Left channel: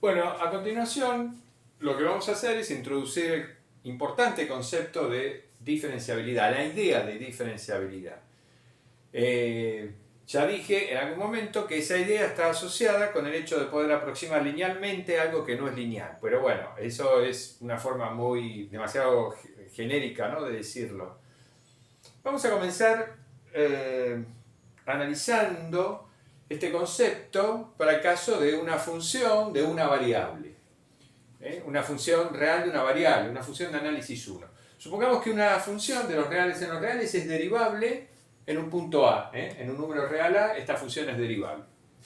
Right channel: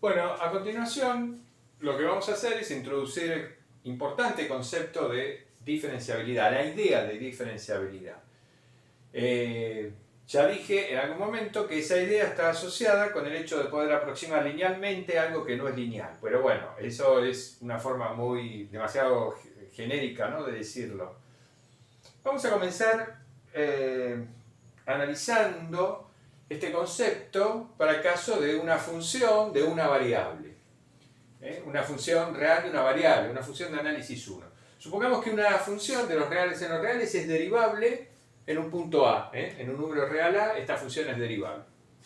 Bueno, a continuación lo que vamos a hacer es introducir el importante concepto de diferenciabilidad, la idea de diferenciabilidad. Ya dije en algún momento que esa idea está asociada con el hecho de poder aproximar linealmente algo que no es lineal. Pero bueno, eso es una forma demasiado genérica, ¿no?, de decirlo. Vamos a comenzar analizando este concepto para el caso de una función de una variable. Una función real de una variable, una función de análisis 1. Supongamos que una función de los reales en los reales es derivable en un punto A. En un número real A, esta función es derivable.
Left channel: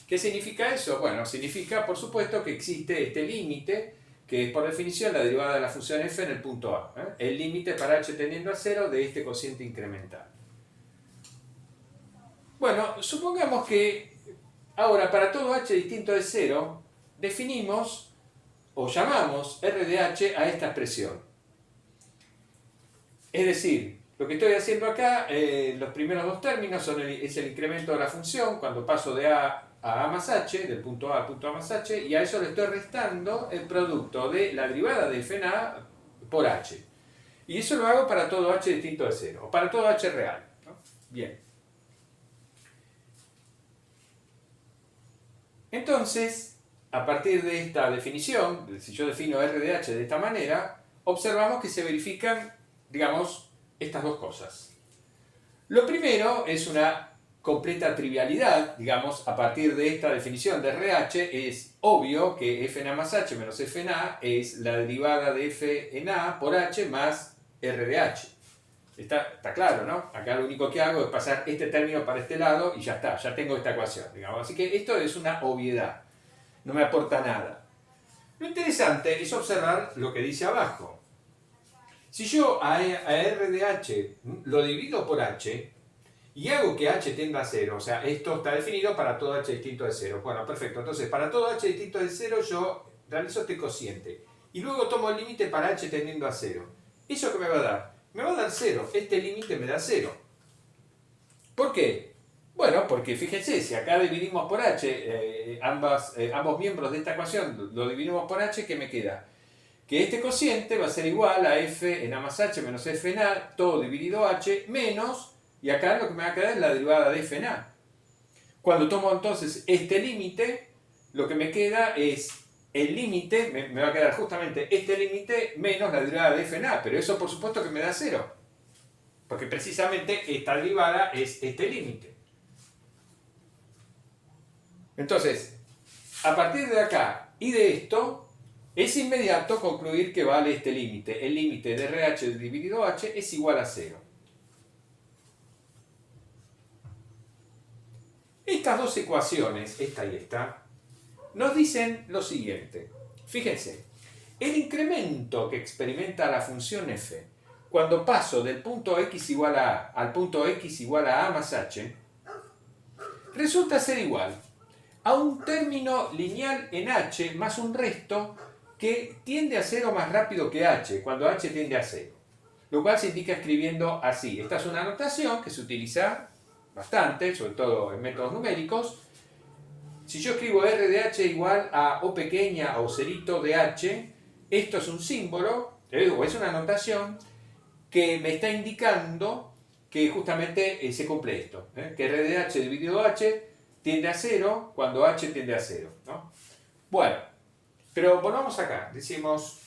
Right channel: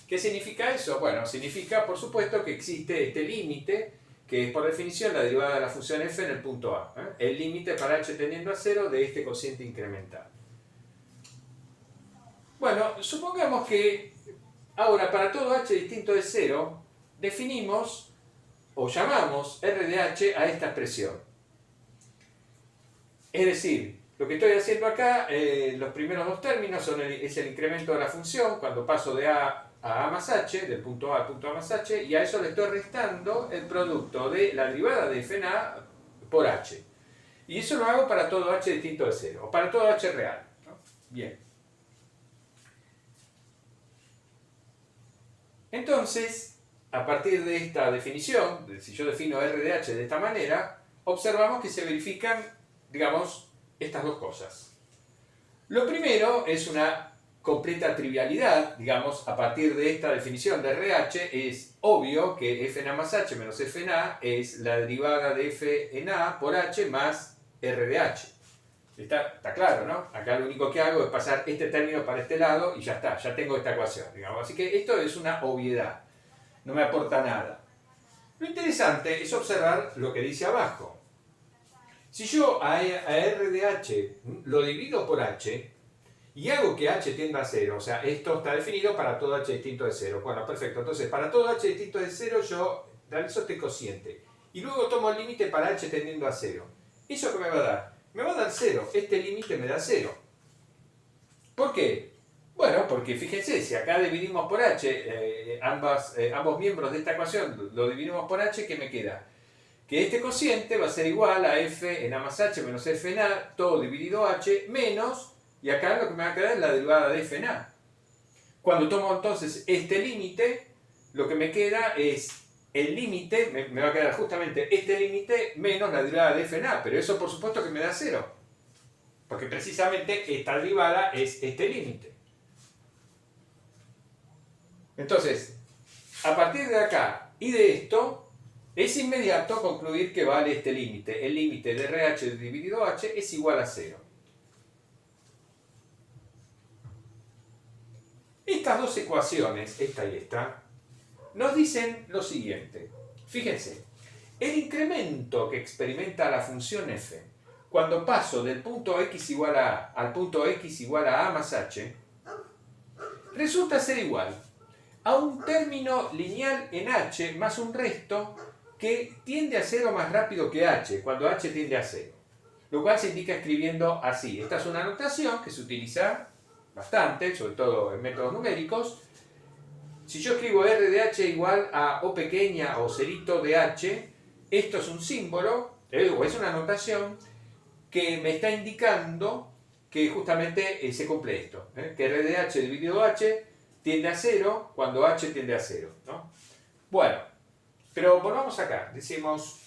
¿Qué significa eso? Bueno, significa, por supuesto, que existe este límite, que es por definición la derivada de la función f en el punto A. El límite para h tendiendo a 0 de este cociente incremental. Bueno, supongamos que ahora para todo h distinto de 0 definimos o llamamos r de h a esta expresión. Es decir, lo que estoy haciendo acá, los primeros dos términos es el incremento de la función cuando paso de a más h, del punto A al punto A más h, y a eso le estoy restando el producto de la derivada de f en a por h. Y eso lo hago para todo h distinto de 0, o para todo h real, ¿no? Bien. Entonces, a partir de esta definición, si yo defino r de h de esta manera, observamos que se verifican, digamos, estas dos cosas. Lo primero es una completa trivialidad, digamos, a partir de esta definición de RH es obvio que f en a más h menos f en a es la derivada de f en a por h más r de h. Está claro, ¿no? Acá lo único que hago es pasar este término para este lado y ya está, ya tengo esta ecuación, digamos. Así que esto es una obviedad, no me aporta nada. Lo interesante es observar lo que dice abajo. Si yo a r de h lo divido por h y hago que h tienda a 0, o sea, esto está definido para todo h distinto de 0. Bueno, perfecto. Entonces, para todo h distinto de 0 yo realizo este cociente. Y luego tomo el límite para h tendiendo a 0. ¿Eso qué me va a dar? Me va a dar 0. Este límite me da 0. ¿Por qué? Bueno, porque fíjense, si acá dividimos por h, ambos miembros de esta ecuación lo dividimos por h, ¿qué me queda? Que este cociente va a ser igual a f en a más h menos f en a, todo dividido h, menos, y acá lo que me va a quedar es la derivada de f en a. Cuando tomo entonces este límite, lo que me queda es el límite, me va a quedar justamente este límite menos la derivada de f en a, pero eso por supuesto que me da 0. Porque precisamente esta derivada es este límite. Entonces, a partir de acá y de esto, es inmediato concluir que vale este límite. El límite de RH dividido h es igual a 0. Estas dos ecuaciones, esta y esta, nos dicen lo siguiente. Fíjense, el incremento que experimenta la función f cuando paso del punto x igual a a al punto x igual a más h, resulta ser igual a un término lineal en h más un resto que tiende a 0 más rápido que h, cuando h tiende a 0. Lo cual se indica escribiendo así. Esta es una notación que se utiliza bastante, sobre todo en métodos numéricos. Si yo escribo r de h igual a o pequeña o cerito de h, esto es un símbolo, o es una notación que me está indicando que justamente se cumple esto, que r de h dividido h tiende a 0 cuando h tiende a 0, ¿no? Bueno, pero volvamos acá, decimos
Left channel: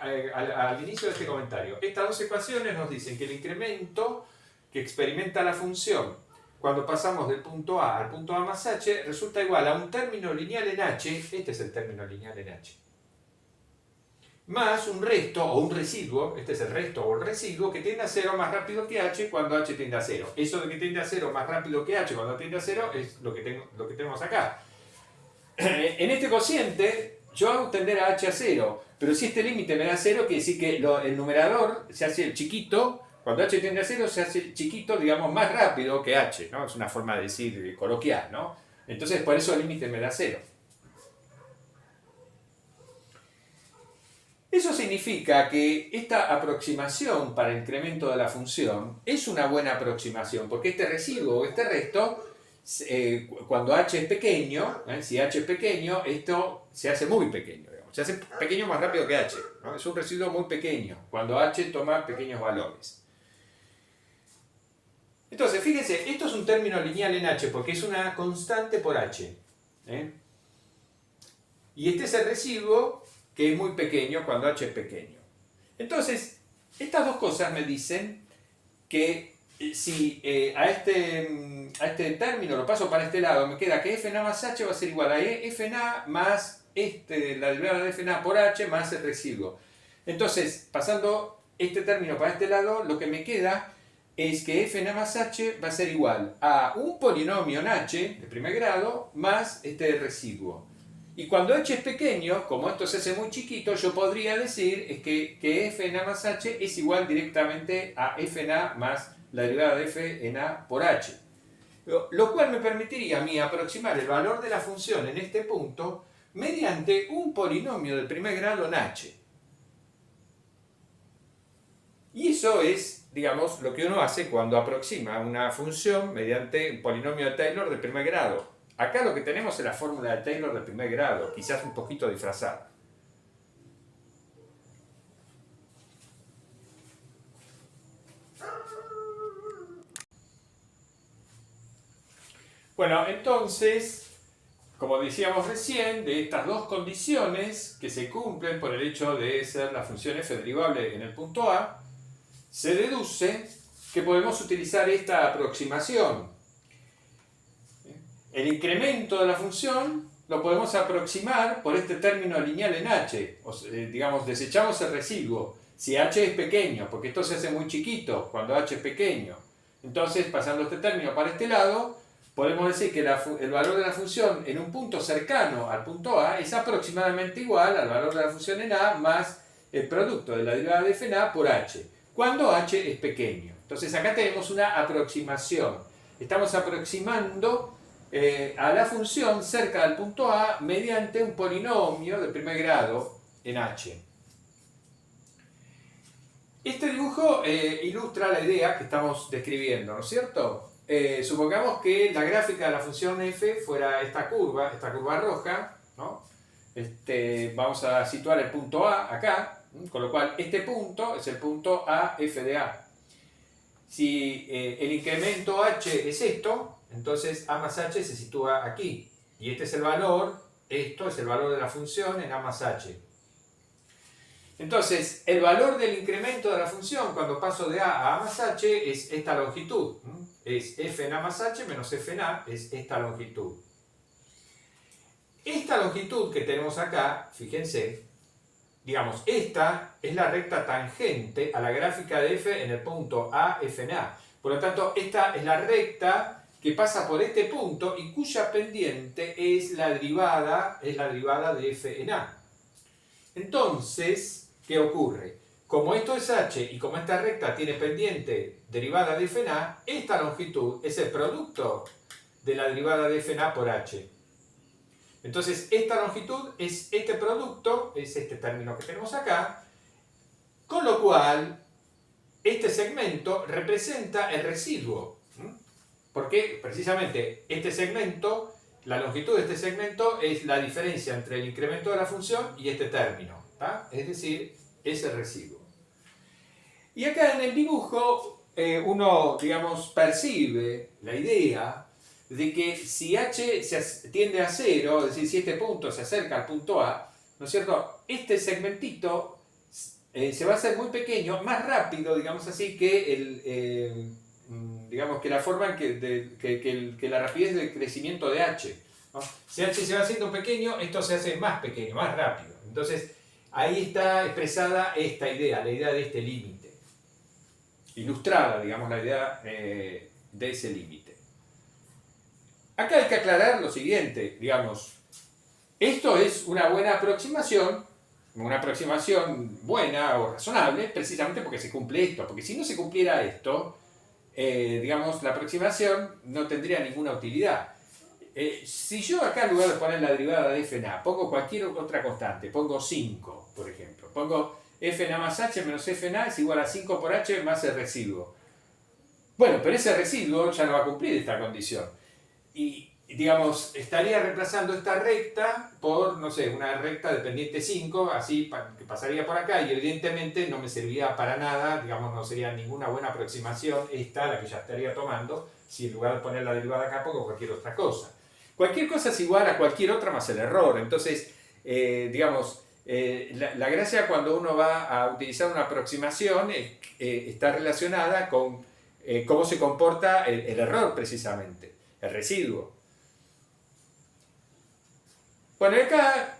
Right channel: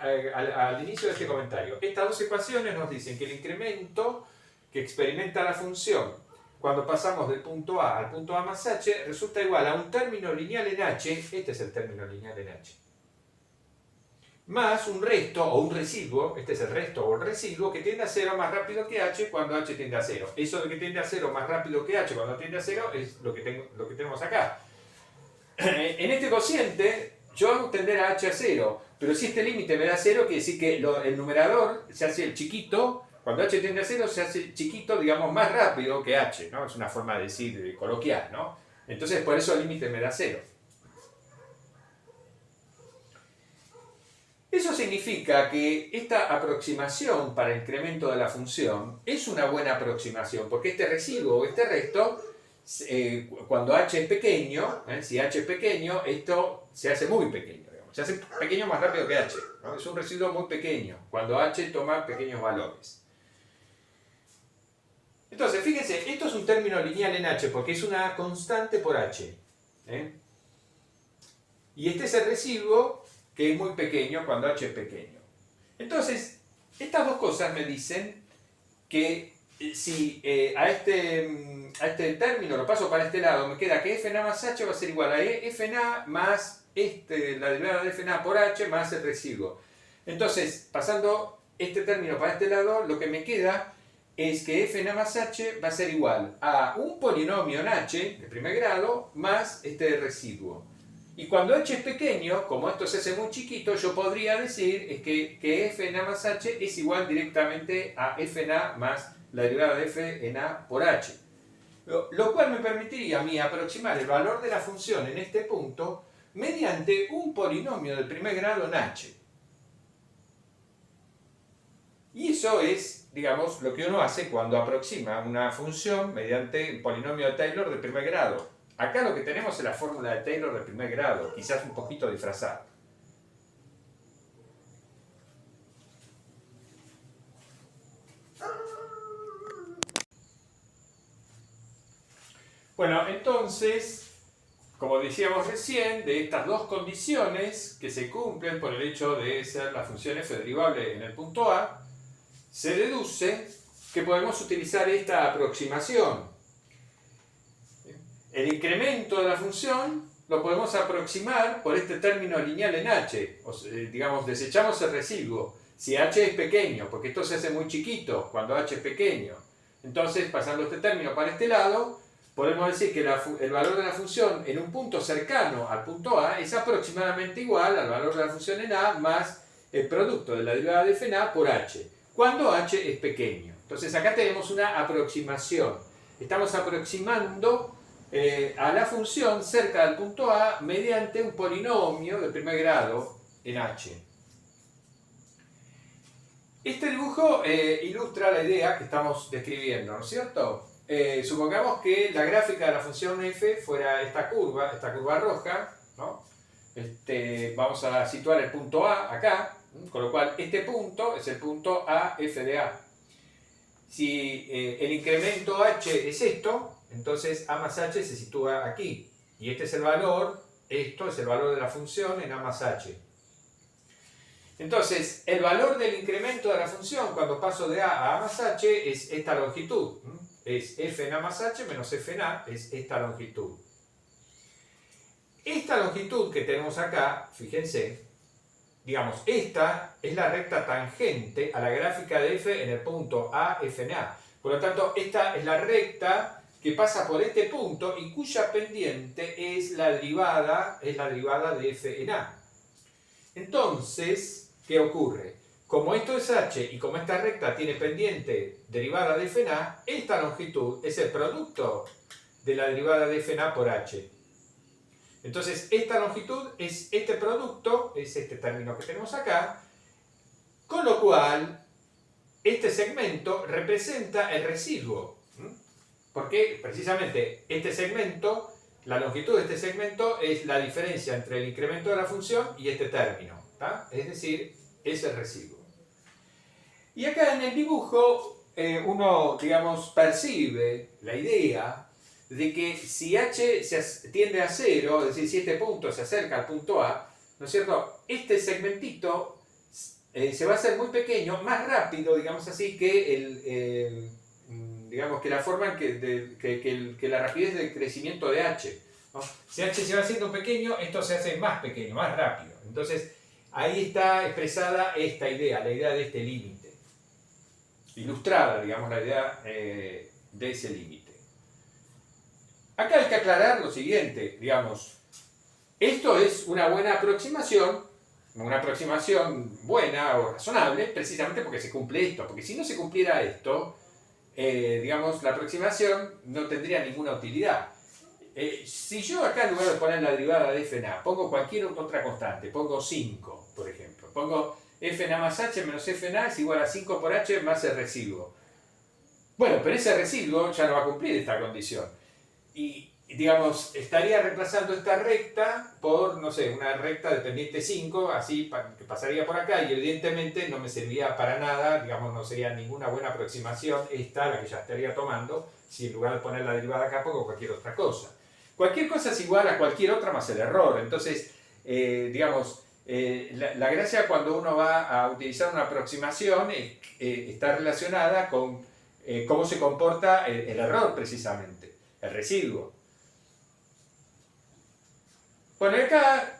al inicio de este comentario, estas dos ecuaciones nos dicen que el incremento que experimenta la función cuando pasamos del punto A al punto A más h resulta igual a un término lineal en h, este es el término lineal en h, más un resto o un residuo, este es el resto o el residuo, que tiende a 0 más rápido que h cuando h tiende a 0. Eso de que tiende a 0 más rápido que h cuando tiende a 0 es lo que tenemos acá. En este cociente yo hago tender a h a 0, pero si este límite me da 0, quiere decir que el numerador se hace chiquito, cuando h tiende a 0 se hace chiquito, digamos, más rápido que h, ¿no? Es una forma de decir coloquial, ¿no? Entonces por eso el límite me da 0. Eso significa que esta aproximación para el incremento de la función es una buena aproximación, porque este residuo o este resto cuando h es pequeño, si h es pequeño, esto se hace muy pequeño, digamos. Se hace pequeño más rápido que h, ¿no? Es un residuo muy pequeño, cuando h toma pequeños valores. Entonces, fíjense, esto es un término lineal en h, porque es una constante por h. Y este es el residuo que es muy pequeño cuando h es pequeño. Entonces, estas dos cosas me dicen que si a este término lo paso para este lado, me queda que fna más h va a ser igual a fna más la derivada de fna por h más el residuo. Entonces, pasando este término para este lado, lo que me queda es que fna más h va a ser igual a un polinomio en h de primer grado más este residuo. Y cuando h es pequeño, como esto se hace muy chiquito, yo podría decir que fna más h es igual directamente a fna más la derivada de fna por h. Lo cual me permitiría a mí aproximar el valor de la función en este punto mediante un polinomio de primer grado en h. Y eso es, digamos, lo que uno hace cuando aproxima una función mediante un polinomio de Taylor de primer grado. Acá lo que tenemos es la fórmula de Taylor de primer grado, quizás un poquito disfrazada. Bueno, entonces, como decíamos recién, de estas dos condiciones que se cumplen por el hecho de ser la función f derivable en el punto A, se deduce que podemos utilizar esta aproximación. El incremento de la función lo podemos aproximar por este término lineal en h. Digamos, desechamos el residuo. Si h es pequeño, porque esto se hace muy chiquito cuando h es pequeño. Entonces, pasando este término para este lado, podemos decir que el valor de la función en un punto cercano al punto A es aproximadamente igual al valor de la función en A más el producto de la derivada de fna por h, cuando h es pequeño. Entonces acá tenemos una aproximación. Estamos aproximando a la función cerca del punto A mediante un polinomio de primer grado en h. Este dibujo ilustra la idea que estamos describiendo, ¿no es cierto? Supongamos que la gráfica de la función f fuera esta curva roja, ¿no? Vamos a situar el punto A acá, con lo cual este punto es el punto A f de A. Si el incremento h es esto, entonces A más h se sitúa aquí. Y este es el valor, esto es el valor de la función en A más h. Entonces, el valor del incremento de la función cuando paso de A más h es esta longitud. Es fna más h menos fna, es esta longitud. Esta longitud que tenemos acá, fíjense, digamos, esta es la recta tangente a la gráfica de f en el punto A, fna. Por lo tanto, esta es la recta que pasa por este punto y cuya pendiente es la derivada de f en A. Entonces, ¿qué ocurre? Como esto es h y como esta recta tiene pendiente derivada de fna, esta longitud es el producto de la derivada de fna por h. Entonces, esta longitud es este producto, es este término que tenemos acá, con lo cual este segmento representa el residuo. Porque precisamente este segmento, la longitud de este segmento es la diferencia entre el incremento de la función y este término, ¿tá? Es decir, es el residuo. Y acá en el dibujo uno, digamos, percibe la idea de que si h tiende a 0, es decir, si este punto se acerca al punto A, ¿no es cierto? Este segmentito se va a hacer muy pequeño, más rápido, digamos así, que digamos que la forma en que la rapidez de crecimiento de h, ¿no? Si h se va haciendo pequeño, esto se hace más pequeño, más rápido. Entonces, ahí está expresada esta idea, la idea de este límite. Ilustrada, digamos, la idea de ese límite. Acá hay que aclarar lo siguiente, digamos, esto es una buena aproximación buena o razonable, precisamente porque se cumple esto, porque si no se cumpliera esto, digamos, la aproximación no tendría ninguna utilidad. Si yo acá en lugar de poner la derivada de fna, pongo cualquier otra constante, pongo 5, por ejemplo, pongo fna más h menos fna es igual a 5 por h más el residuo. Bueno, pero ese residuo ya no va a cumplir esta condición. y digamos, estaría reemplazando esta recta por, no sé, una recta de pendiente 5, así que pasaría por acá y evidentemente no me serviría para nada, digamos, no sería ninguna buena aproximación esta, la que ya estaría tomando, si en lugar de poner la derivada acá pongo cualquier otra cosa. Cualquier cosa es igual a cualquier otra más el error, entonces, digamos, la gracia cuando uno va a utilizar una aproximación está relacionada con cómo se comporta el error precisamente, el residuo. Bueno, y acá,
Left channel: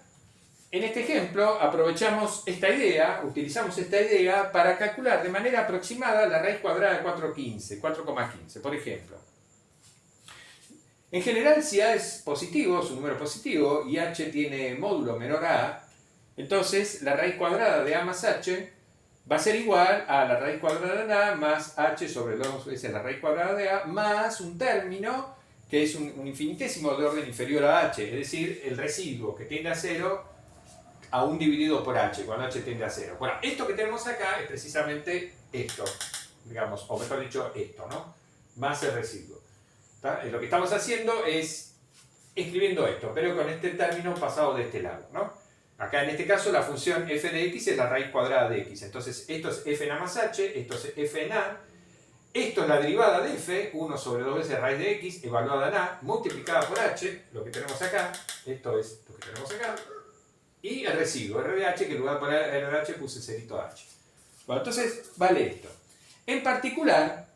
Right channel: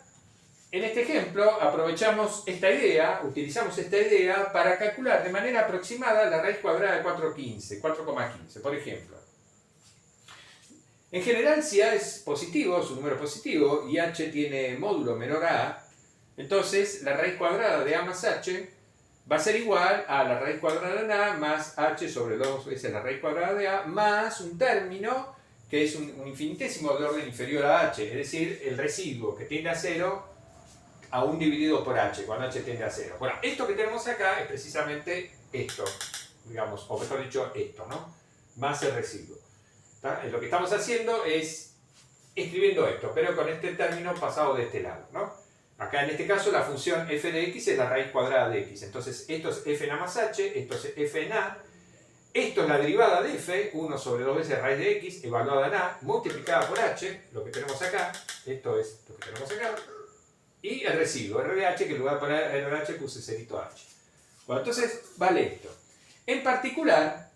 en este ejemplo, aprovechamos esta idea, utilizamos esta idea para calcular de manera aproximada la raíz cuadrada de 4,15, por ejemplo. En general, si A es positivo, es un número positivo, y H tiene módulo menor a A, entonces la raíz cuadrada de A más H va a ser igual a la raíz cuadrada de A más H sobre 2 veces la raíz cuadrada de A, más un término que es un infinitésimo de orden inferior a H, es decir, el residuo que tiende a 0 a 1 dividido por H, cuando H tiende a 0. Bueno, esto que tenemos acá es precisamente esto, digamos, o mejor dicho, esto, ¿no? Más el residuo. Lo que estamos haciendo es escribiendo esto, pero con este término pasado de este lado, ¿no? Acá en este caso la función f de x es la raíz cuadrada de x, entonces esto es f en a más h, esto es f en a, esto es la derivada de f, 1 sobre 2 veces raíz de x, evaluada en a, multiplicada por h, lo que tenemos acá, esto es lo que tenemos acá, y el residuo, r de h, que en lugar de poner r de h puse cerito h. Bueno, entonces vale esto. En particular,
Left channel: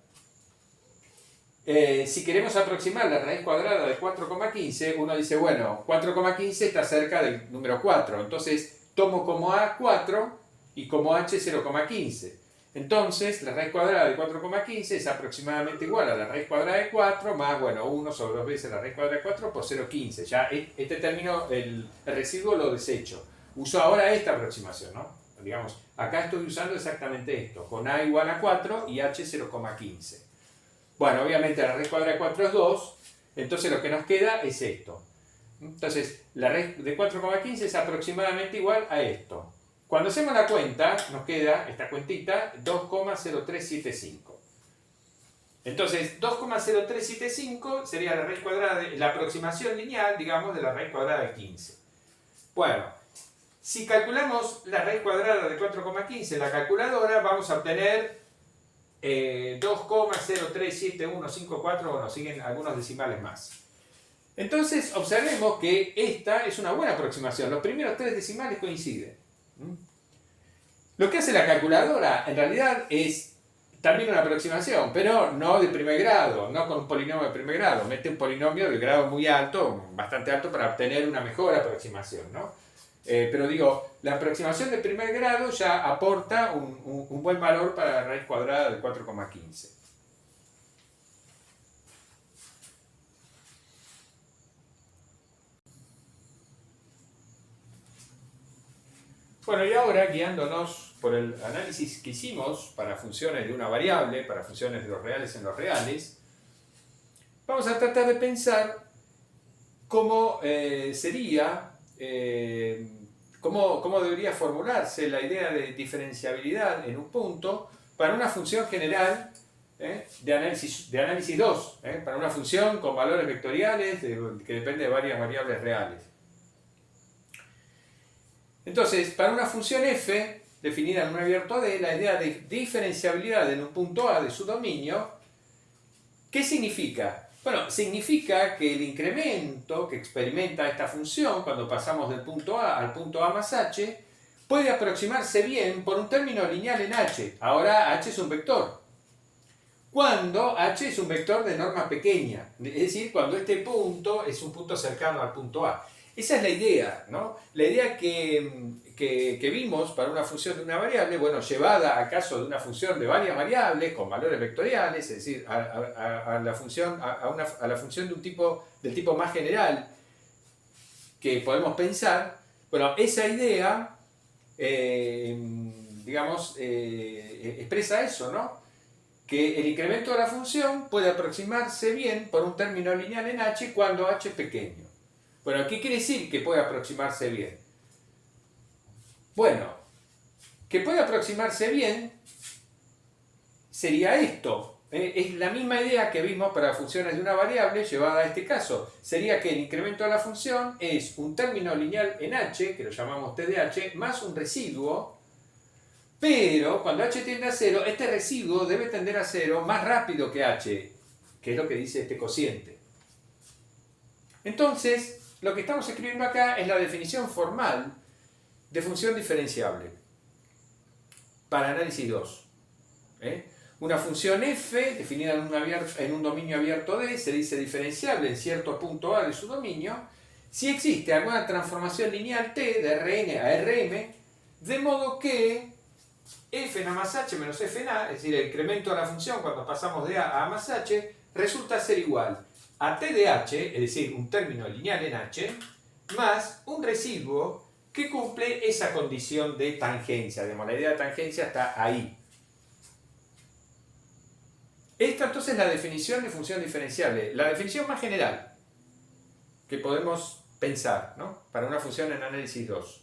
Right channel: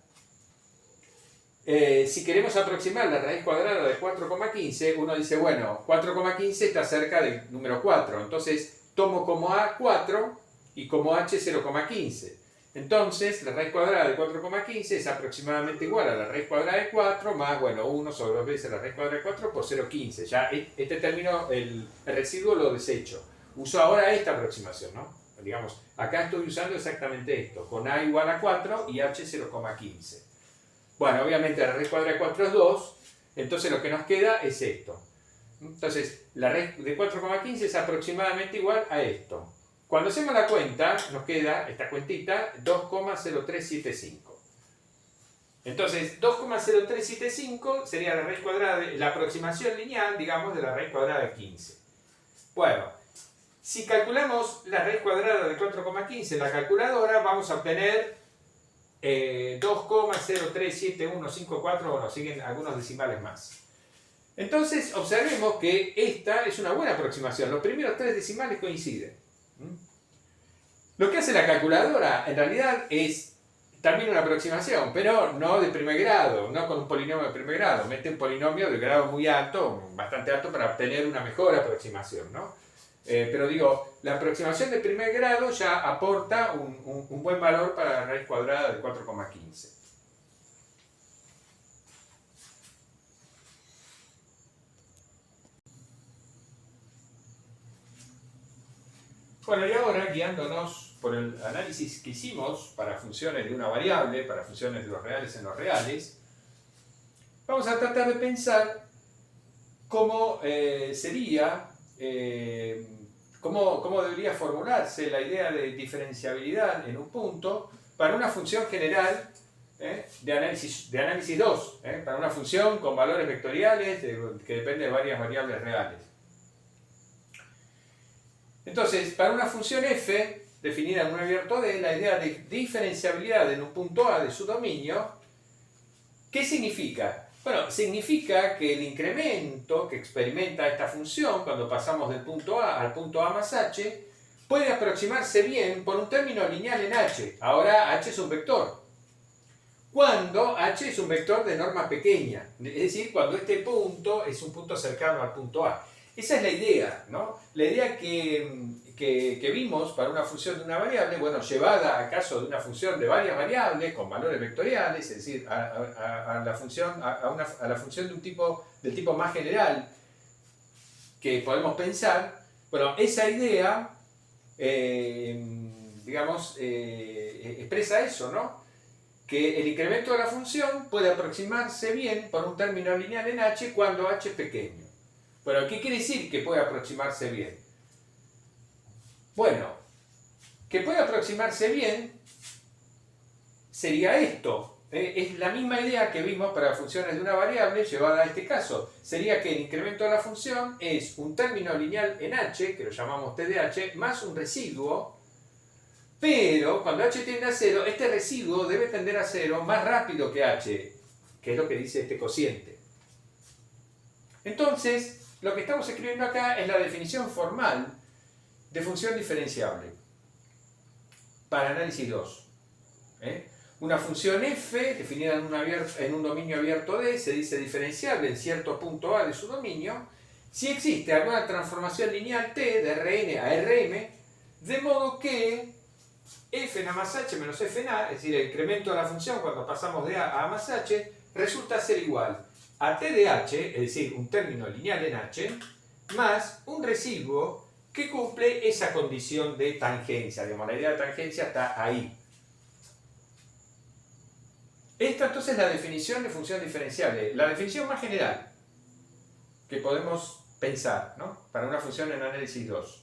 si queremos aproximar la raíz cuadrada de 4,15, uno dice, bueno, 4,15 está cerca del número 4, entonces tomo como a 4 y como h 0,15. Entonces, la raíz cuadrada de 4,15 es aproximadamente igual a la raíz cuadrada de 4 más, bueno, 1 sobre 2 veces la raíz cuadrada de 4 por 0,15. Ya este término, el residuo lo desecho. Uso ahora esta aproximación, ¿no? Digamos, acá estoy usando exactamente esto, con a igual a 4 y h 0,15. Bueno, obviamente la raíz cuadrada de 4 es 2, entonces lo que nos queda es esto. Entonces, la raíz de 4,15 es aproximadamente igual a esto. Cuando hacemos la cuenta, nos queda esta cuentita 2,0375. Entonces, 2,0375 sería la raíz cuadrada, la aproximación lineal, digamos, de la raíz cuadrada de 15. Bueno, si calculamos la raíz cuadrada de 4,15 en la calculadora, vamos a obtener 2,037154, bueno, siguen algunos decimales más. Entonces, observemos que esta es una buena aproximación. Los primeros tres decimales coinciden. Lo que hace la calculadora, en realidad, es también una aproximación, pero no de primer grado, no con un polinomio de primer grado. Mete un polinomio de grado muy alto, bastante alto, para obtener una mejor aproximación, ¿no? Pero digo, la aproximación de primer grado ya aporta un buen valor para la raíz cuadrada de 4,15. Bueno, y ahora, guiándonos por el análisis que hicimos para funciones de una variable, para funciones de los reales en los reales, vamos a tratar de pensar cómo sería, cómo debería formularse la idea de diferenciabilidad en un punto para una función general de análisis 2, para una función con valores vectoriales que depende de varias variables reales. Entonces, para una función f, definida en un abierto D, la idea de diferenciabilidad en un punto A de su dominio, ¿qué significa? Bueno, significa que el incremento que experimenta esta función cuando pasamos del punto A al punto A más h puede aproximarse bien por un término lineal en h. Ahora h es un vector. Cuando h es un vector de norma pequeña, es decir, cuando este punto es un punto cercano al punto A. Esa es la idea, ¿no? La idea que vimos para una función de una variable, bueno, llevada a caso de una función de varias variables con valores vectoriales, es decir, a la función de del tipo más general que podemos pensar, bueno, esa idea, digamos, expresa eso, ¿no? Que el incremento de la función puede aproximarse bien por un término lineal en h cuando h es pequeño. Bueno, ¿qué quiere decir que puede aproximarse bien? Bueno, que puede aproximarse bien sería esto. Es la misma idea que vimos para funciones de una variable llevada a este caso. Sería que el incremento de la función es un término lineal en h, que lo llamamos t de h, más un residuo, pero cuando h tiende a 0, este residuo debe tender a 0 más rápido que h, que es lo que dice este cociente. Entonces, lo que estamos escribiendo acá es la definición formal de función diferenciable para análisis 2. Una función f, definida en un dominio abierto D, se dice diferenciable en cierto punto A de su dominio, si existe alguna transformación lineal t de Rn a Rm, de modo que f en a más h menos f en a, es decir, el incremento de la función cuando pasamos de a más h, resulta ser igual a t de h, es decir, un término lineal en h, más un residuo que cumple esa condición de tangencia. Digamos, la idea de tangencia está ahí. Esta entonces es la definición de función diferenciable, la definición más general que podemos pensar, ¿no?, para una función en análisis 2.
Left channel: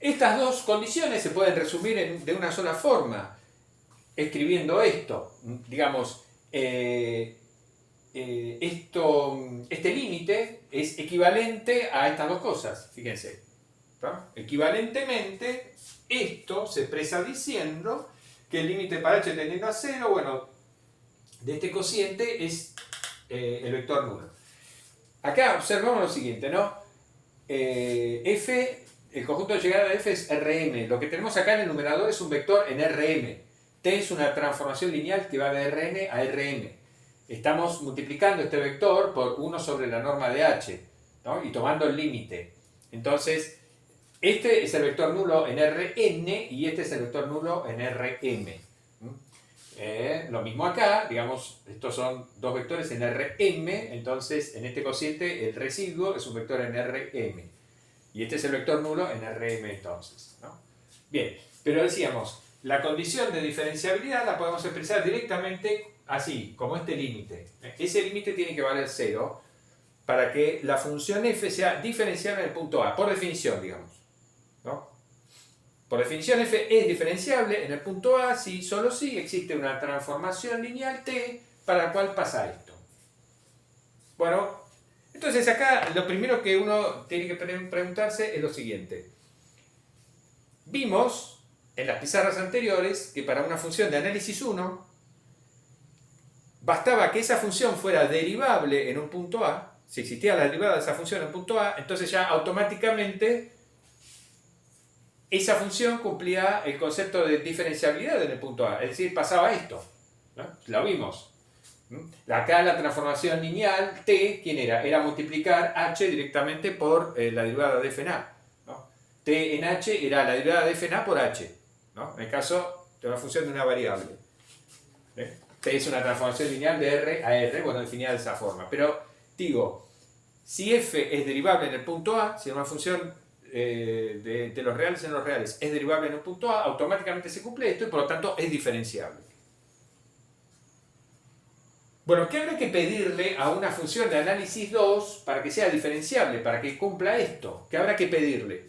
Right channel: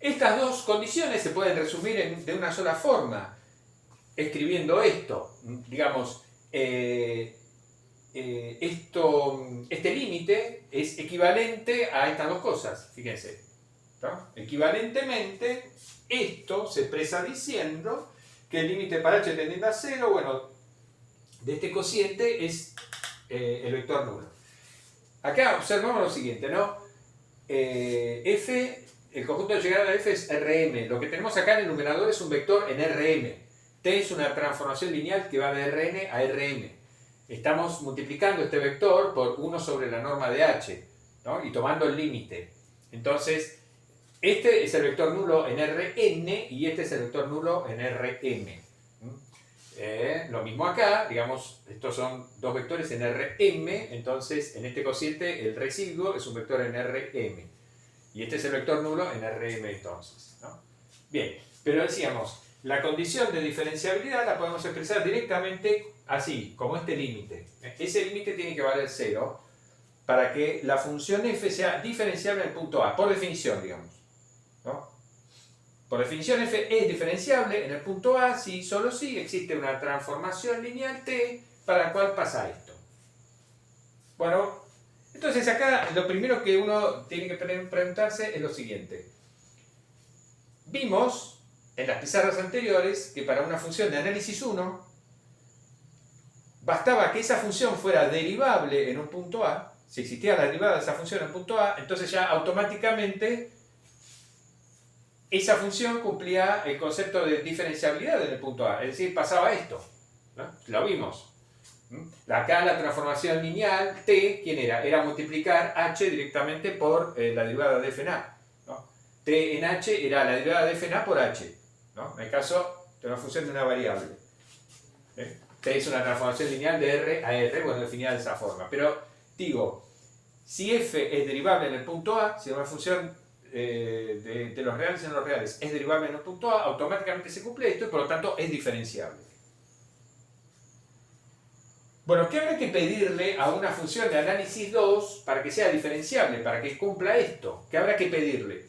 Estas dos condiciones se pueden resumir de una sola forma, escribiendo esto. Digamos, este límite es equivalente a estas dos cosas, fíjense, ¿no? Equivalentemente, esto se expresa diciendo que el límite para h tendiendo a 0, bueno, de este cociente es el vector nulo. Acá observamos lo siguiente, ¿no? F, el conjunto de llegada de f es Rm. Lo que tenemos acá en el numerador es un vector en Rm. T es una transformación lineal que va de Rn a Rm. Estamos multiplicando este vector por 1 sobre la norma de h, ¿no?, y tomando el límite. Entonces, este es el vector nulo en Rn y este es el vector nulo en Rm. Lo mismo acá, digamos, estos son dos vectores en Rm, entonces en este cociente el residuo es un vector en Rm. Y este es el vector nulo en Rm entonces, ¿no? Bien, pero decíamos, la condición de diferenciabilidad la podemos expresar directamente así, como este límite. Ese límite tiene que valer 0 para que la función f sea diferenciable en el punto A, por definición, digamos, ¿no? Por definición f es diferenciable en el punto A si solo si existe una transformación lineal t para la cual pasa esto. Bueno, entonces acá lo primero que uno tiene que preguntarse es lo siguiente. Vimos en las pizarras anteriores que para una función de análisis 1 bastaba que esa función fuera derivable en un punto A. Si existía la derivada de esa función en un punto A, entonces ya automáticamente esa función cumplía el concepto de diferenciabilidad en el punto A, es decir, pasaba esto, ¿no? Lo vimos. Acá la transformación lineal t, ¿quién era? Era multiplicar h directamente por la derivada de f en a, ¿no? T en h era la derivada de f en a por h, ¿no?, en el caso de una función de una variable. T es una transformación lineal de r a r, bueno, definida de esa forma. Pero digo, si f es derivable en el punto A, si una función de los reales en los reales es derivable en el punto A, automáticamente se cumple esto y por lo tanto es diferenciable. Bueno, ¿qué habrá que pedirle a una función de análisis 2 para que sea diferenciable, para que cumpla esto? ¿Qué habrá que pedirle?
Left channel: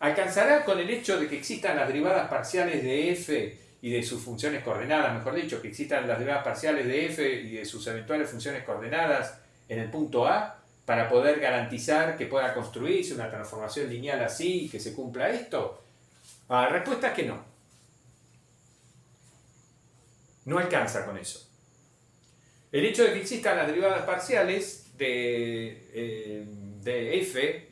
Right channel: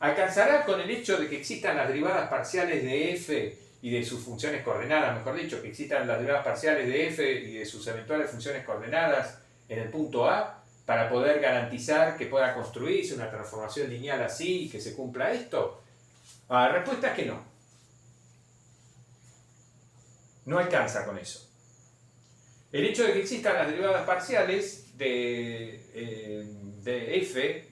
¿Alcanzará con el hecho de que existan las derivadas parciales de f y de sus funciones coordenadas, mejor dicho, que existan las derivadas parciales de f y de sus eventuales funciones coordenadas en el punto A, para poder garantizar que pueda construirse una transformación lineal así y que se cumpla esto? La respuesta es que no. No alcanza con eso. El hecho de que existan las derivadas parciales de f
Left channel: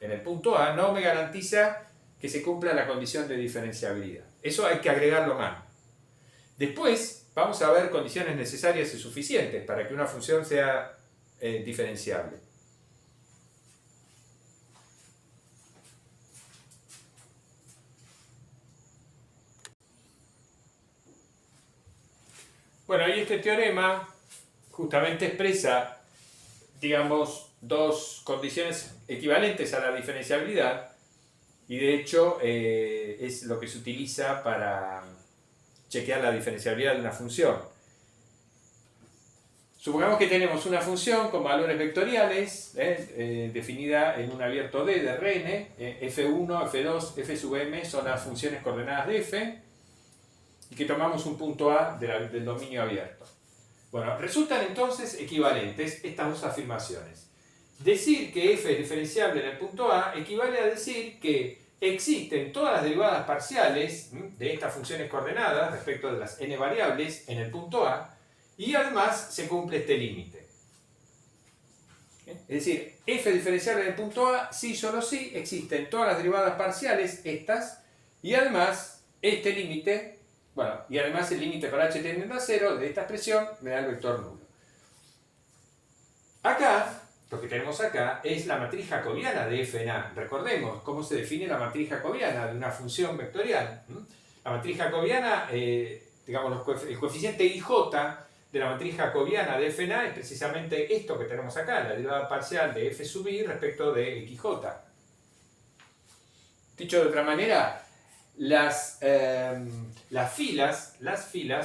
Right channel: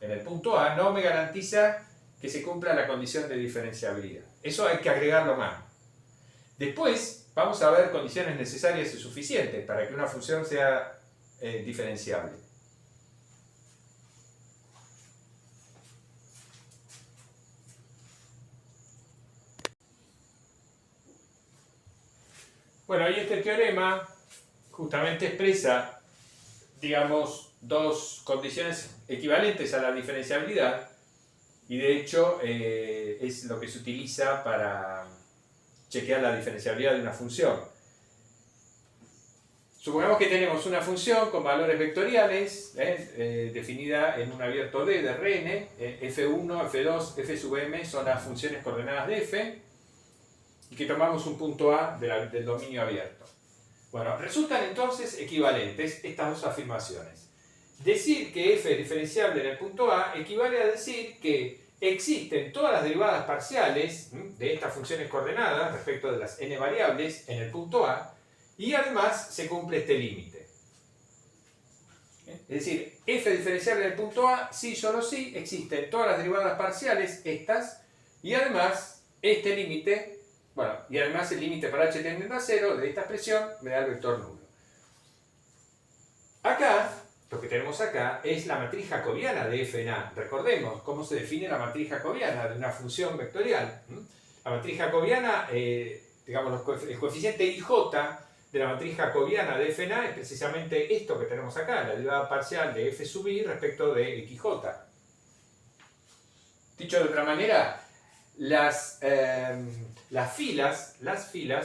en el punto A no me garantiza que se cumpla la condición de diferenciabilidad. Eso hay que agregarlo más. Después vamos a ver condiciones necesarias y suficientes para que una función sea diferenciable. Bueno, ahí este teorema justamente expresa, digamos, dos condiciones equivalentes a la diferenciabilidad y de hecho es lo que se utiliza para chequear la diferenciabilidad de una función. Supongamos que tenemos una función con valores vectoriales, definida en un abierto D de Rn, f1, f2, f sub m son las funciones coordenadas de f, y que tomamos un punto A del dominio abierto. Bueno, resultan entonces equivalentes estas dos afirmaciones. Decir que f es diferenciable en el punto A equivale a decir que existen todas las derivadas parciales de estas funciones coordenadas respecto de las n variables en el punto A, y además se cumple este límite. Es decir, f diferenciable en el punto A, sí, solo sí, existen todas las derivadas parciales, estas, y además este límite, bueno, y además el límite para h tendiendo a 0 de esta expresión me da el vector nulo. Acá, lo que tenemos acá es la matriz jacobiana de f en A. Recordemos cómo se define la matriz jacobiana de una función vectorial. La matriz jacobiana, digamos, el coeficiente IJ de la matriz jacobiana de f en A es precisamente esto que tenemos acá, la derivada parcial de f sub i respecto de xj. Dicho de otra manera, las filas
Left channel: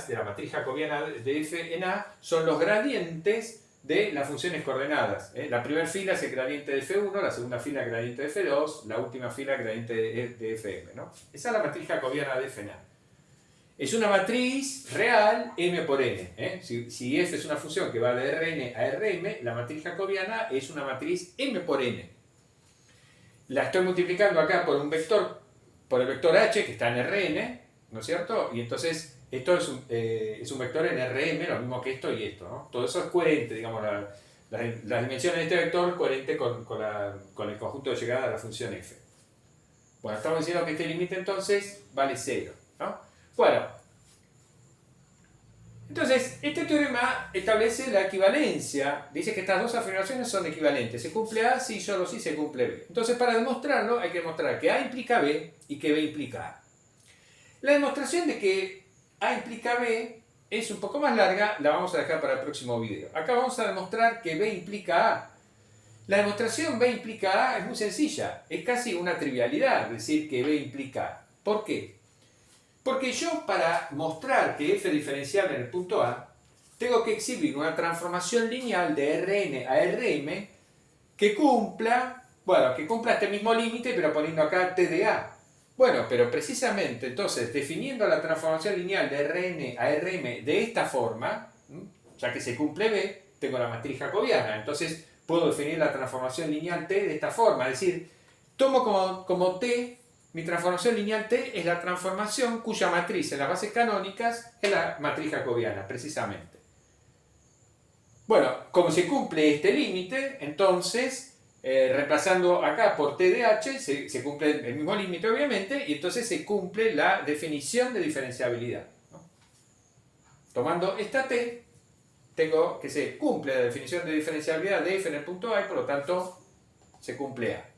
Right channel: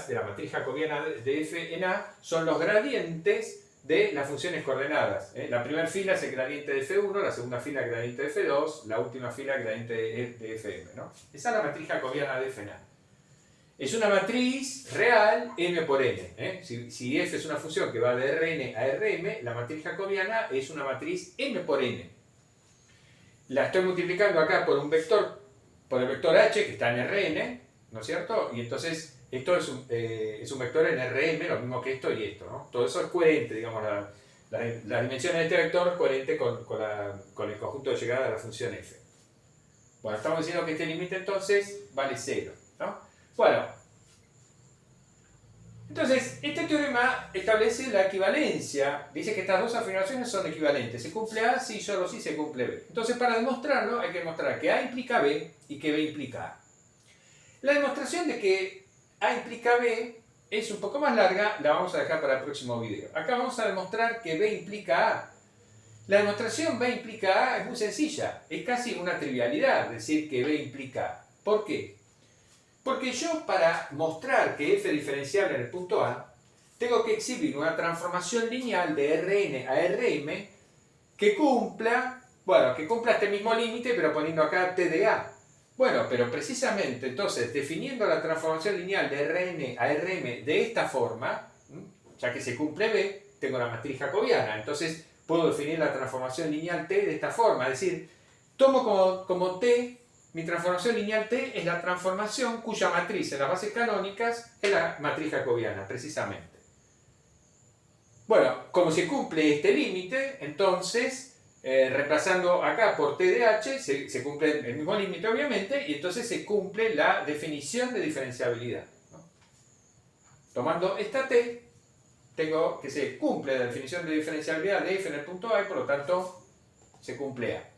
de la matriz jacobiana de f en A son los gradientes de las funciones coordenadas. La primera fila es el gradiente de f1, la segunda fila el gradiente de f2, la última fila el gradiente de fm, ¿no? Esa es la matriz jacobiana de f en A. Es una matriz real m por n. Si f es una función que va de Rn a Rm, la matriz jacobiana es una matriz m por n. La estoy multiplicando acá por un vector, por el vector h que está en Rn, ¿no es cierto? Y entonces esto es un vector en Rm, lo mismo que esto y esto, ¿no? Todo eso es coherente, digamos, las dimensiones de este vector es coherente con el conjunto de llegada de la función f. Bueno, estamos diciendo que este límite entonces vale 0, ¿no? Bueno, entonces este teorema establece la equivalencia, dice que estas dos afirmaciones son equivalentes, se cumple A si solo si se cumple B. Entonces para demostrarlo hay que demostrar que A implica B y que B implica A. La demostración de que A implica B es un poco más larga, la vamos a dejar para el próximo video. Acá vamos a demostrar que B implica A. La demostración B implica A es muy sencilla, es casi una trivialidad decir que B implica A. ¿Por qué? Porque yo para mostrar que f es diferenciable en el punto A, tengo que exhibir una transformación lineal de Rn a Rm que cumpla este mismo límite, pero poniendo acá t de A. Bueno, pero precisamente entonces, definiendo la transformación lineal de Rn a Rm de esta forma, ya que se cumple B, tengo la matriz jacobiana. Entonces puedo definir la transformación lineal t de esta forma, es decir, tomo como t. Mi transformación lineal T es la transformación cuya matriz en las bases canónicas es la matriz jacobiana, precisamente. Bueno, como se cumple este límite, entonces, reemplazando acá por T de H, se cumple el mismo límite, obviamente, y entonces se cumple la definición de diferenciabilidad, ¿no? Tomando esta T, tengo que se cumple la definición de diferenciabilidad de f en el punto A y por lo tanto se cumple A.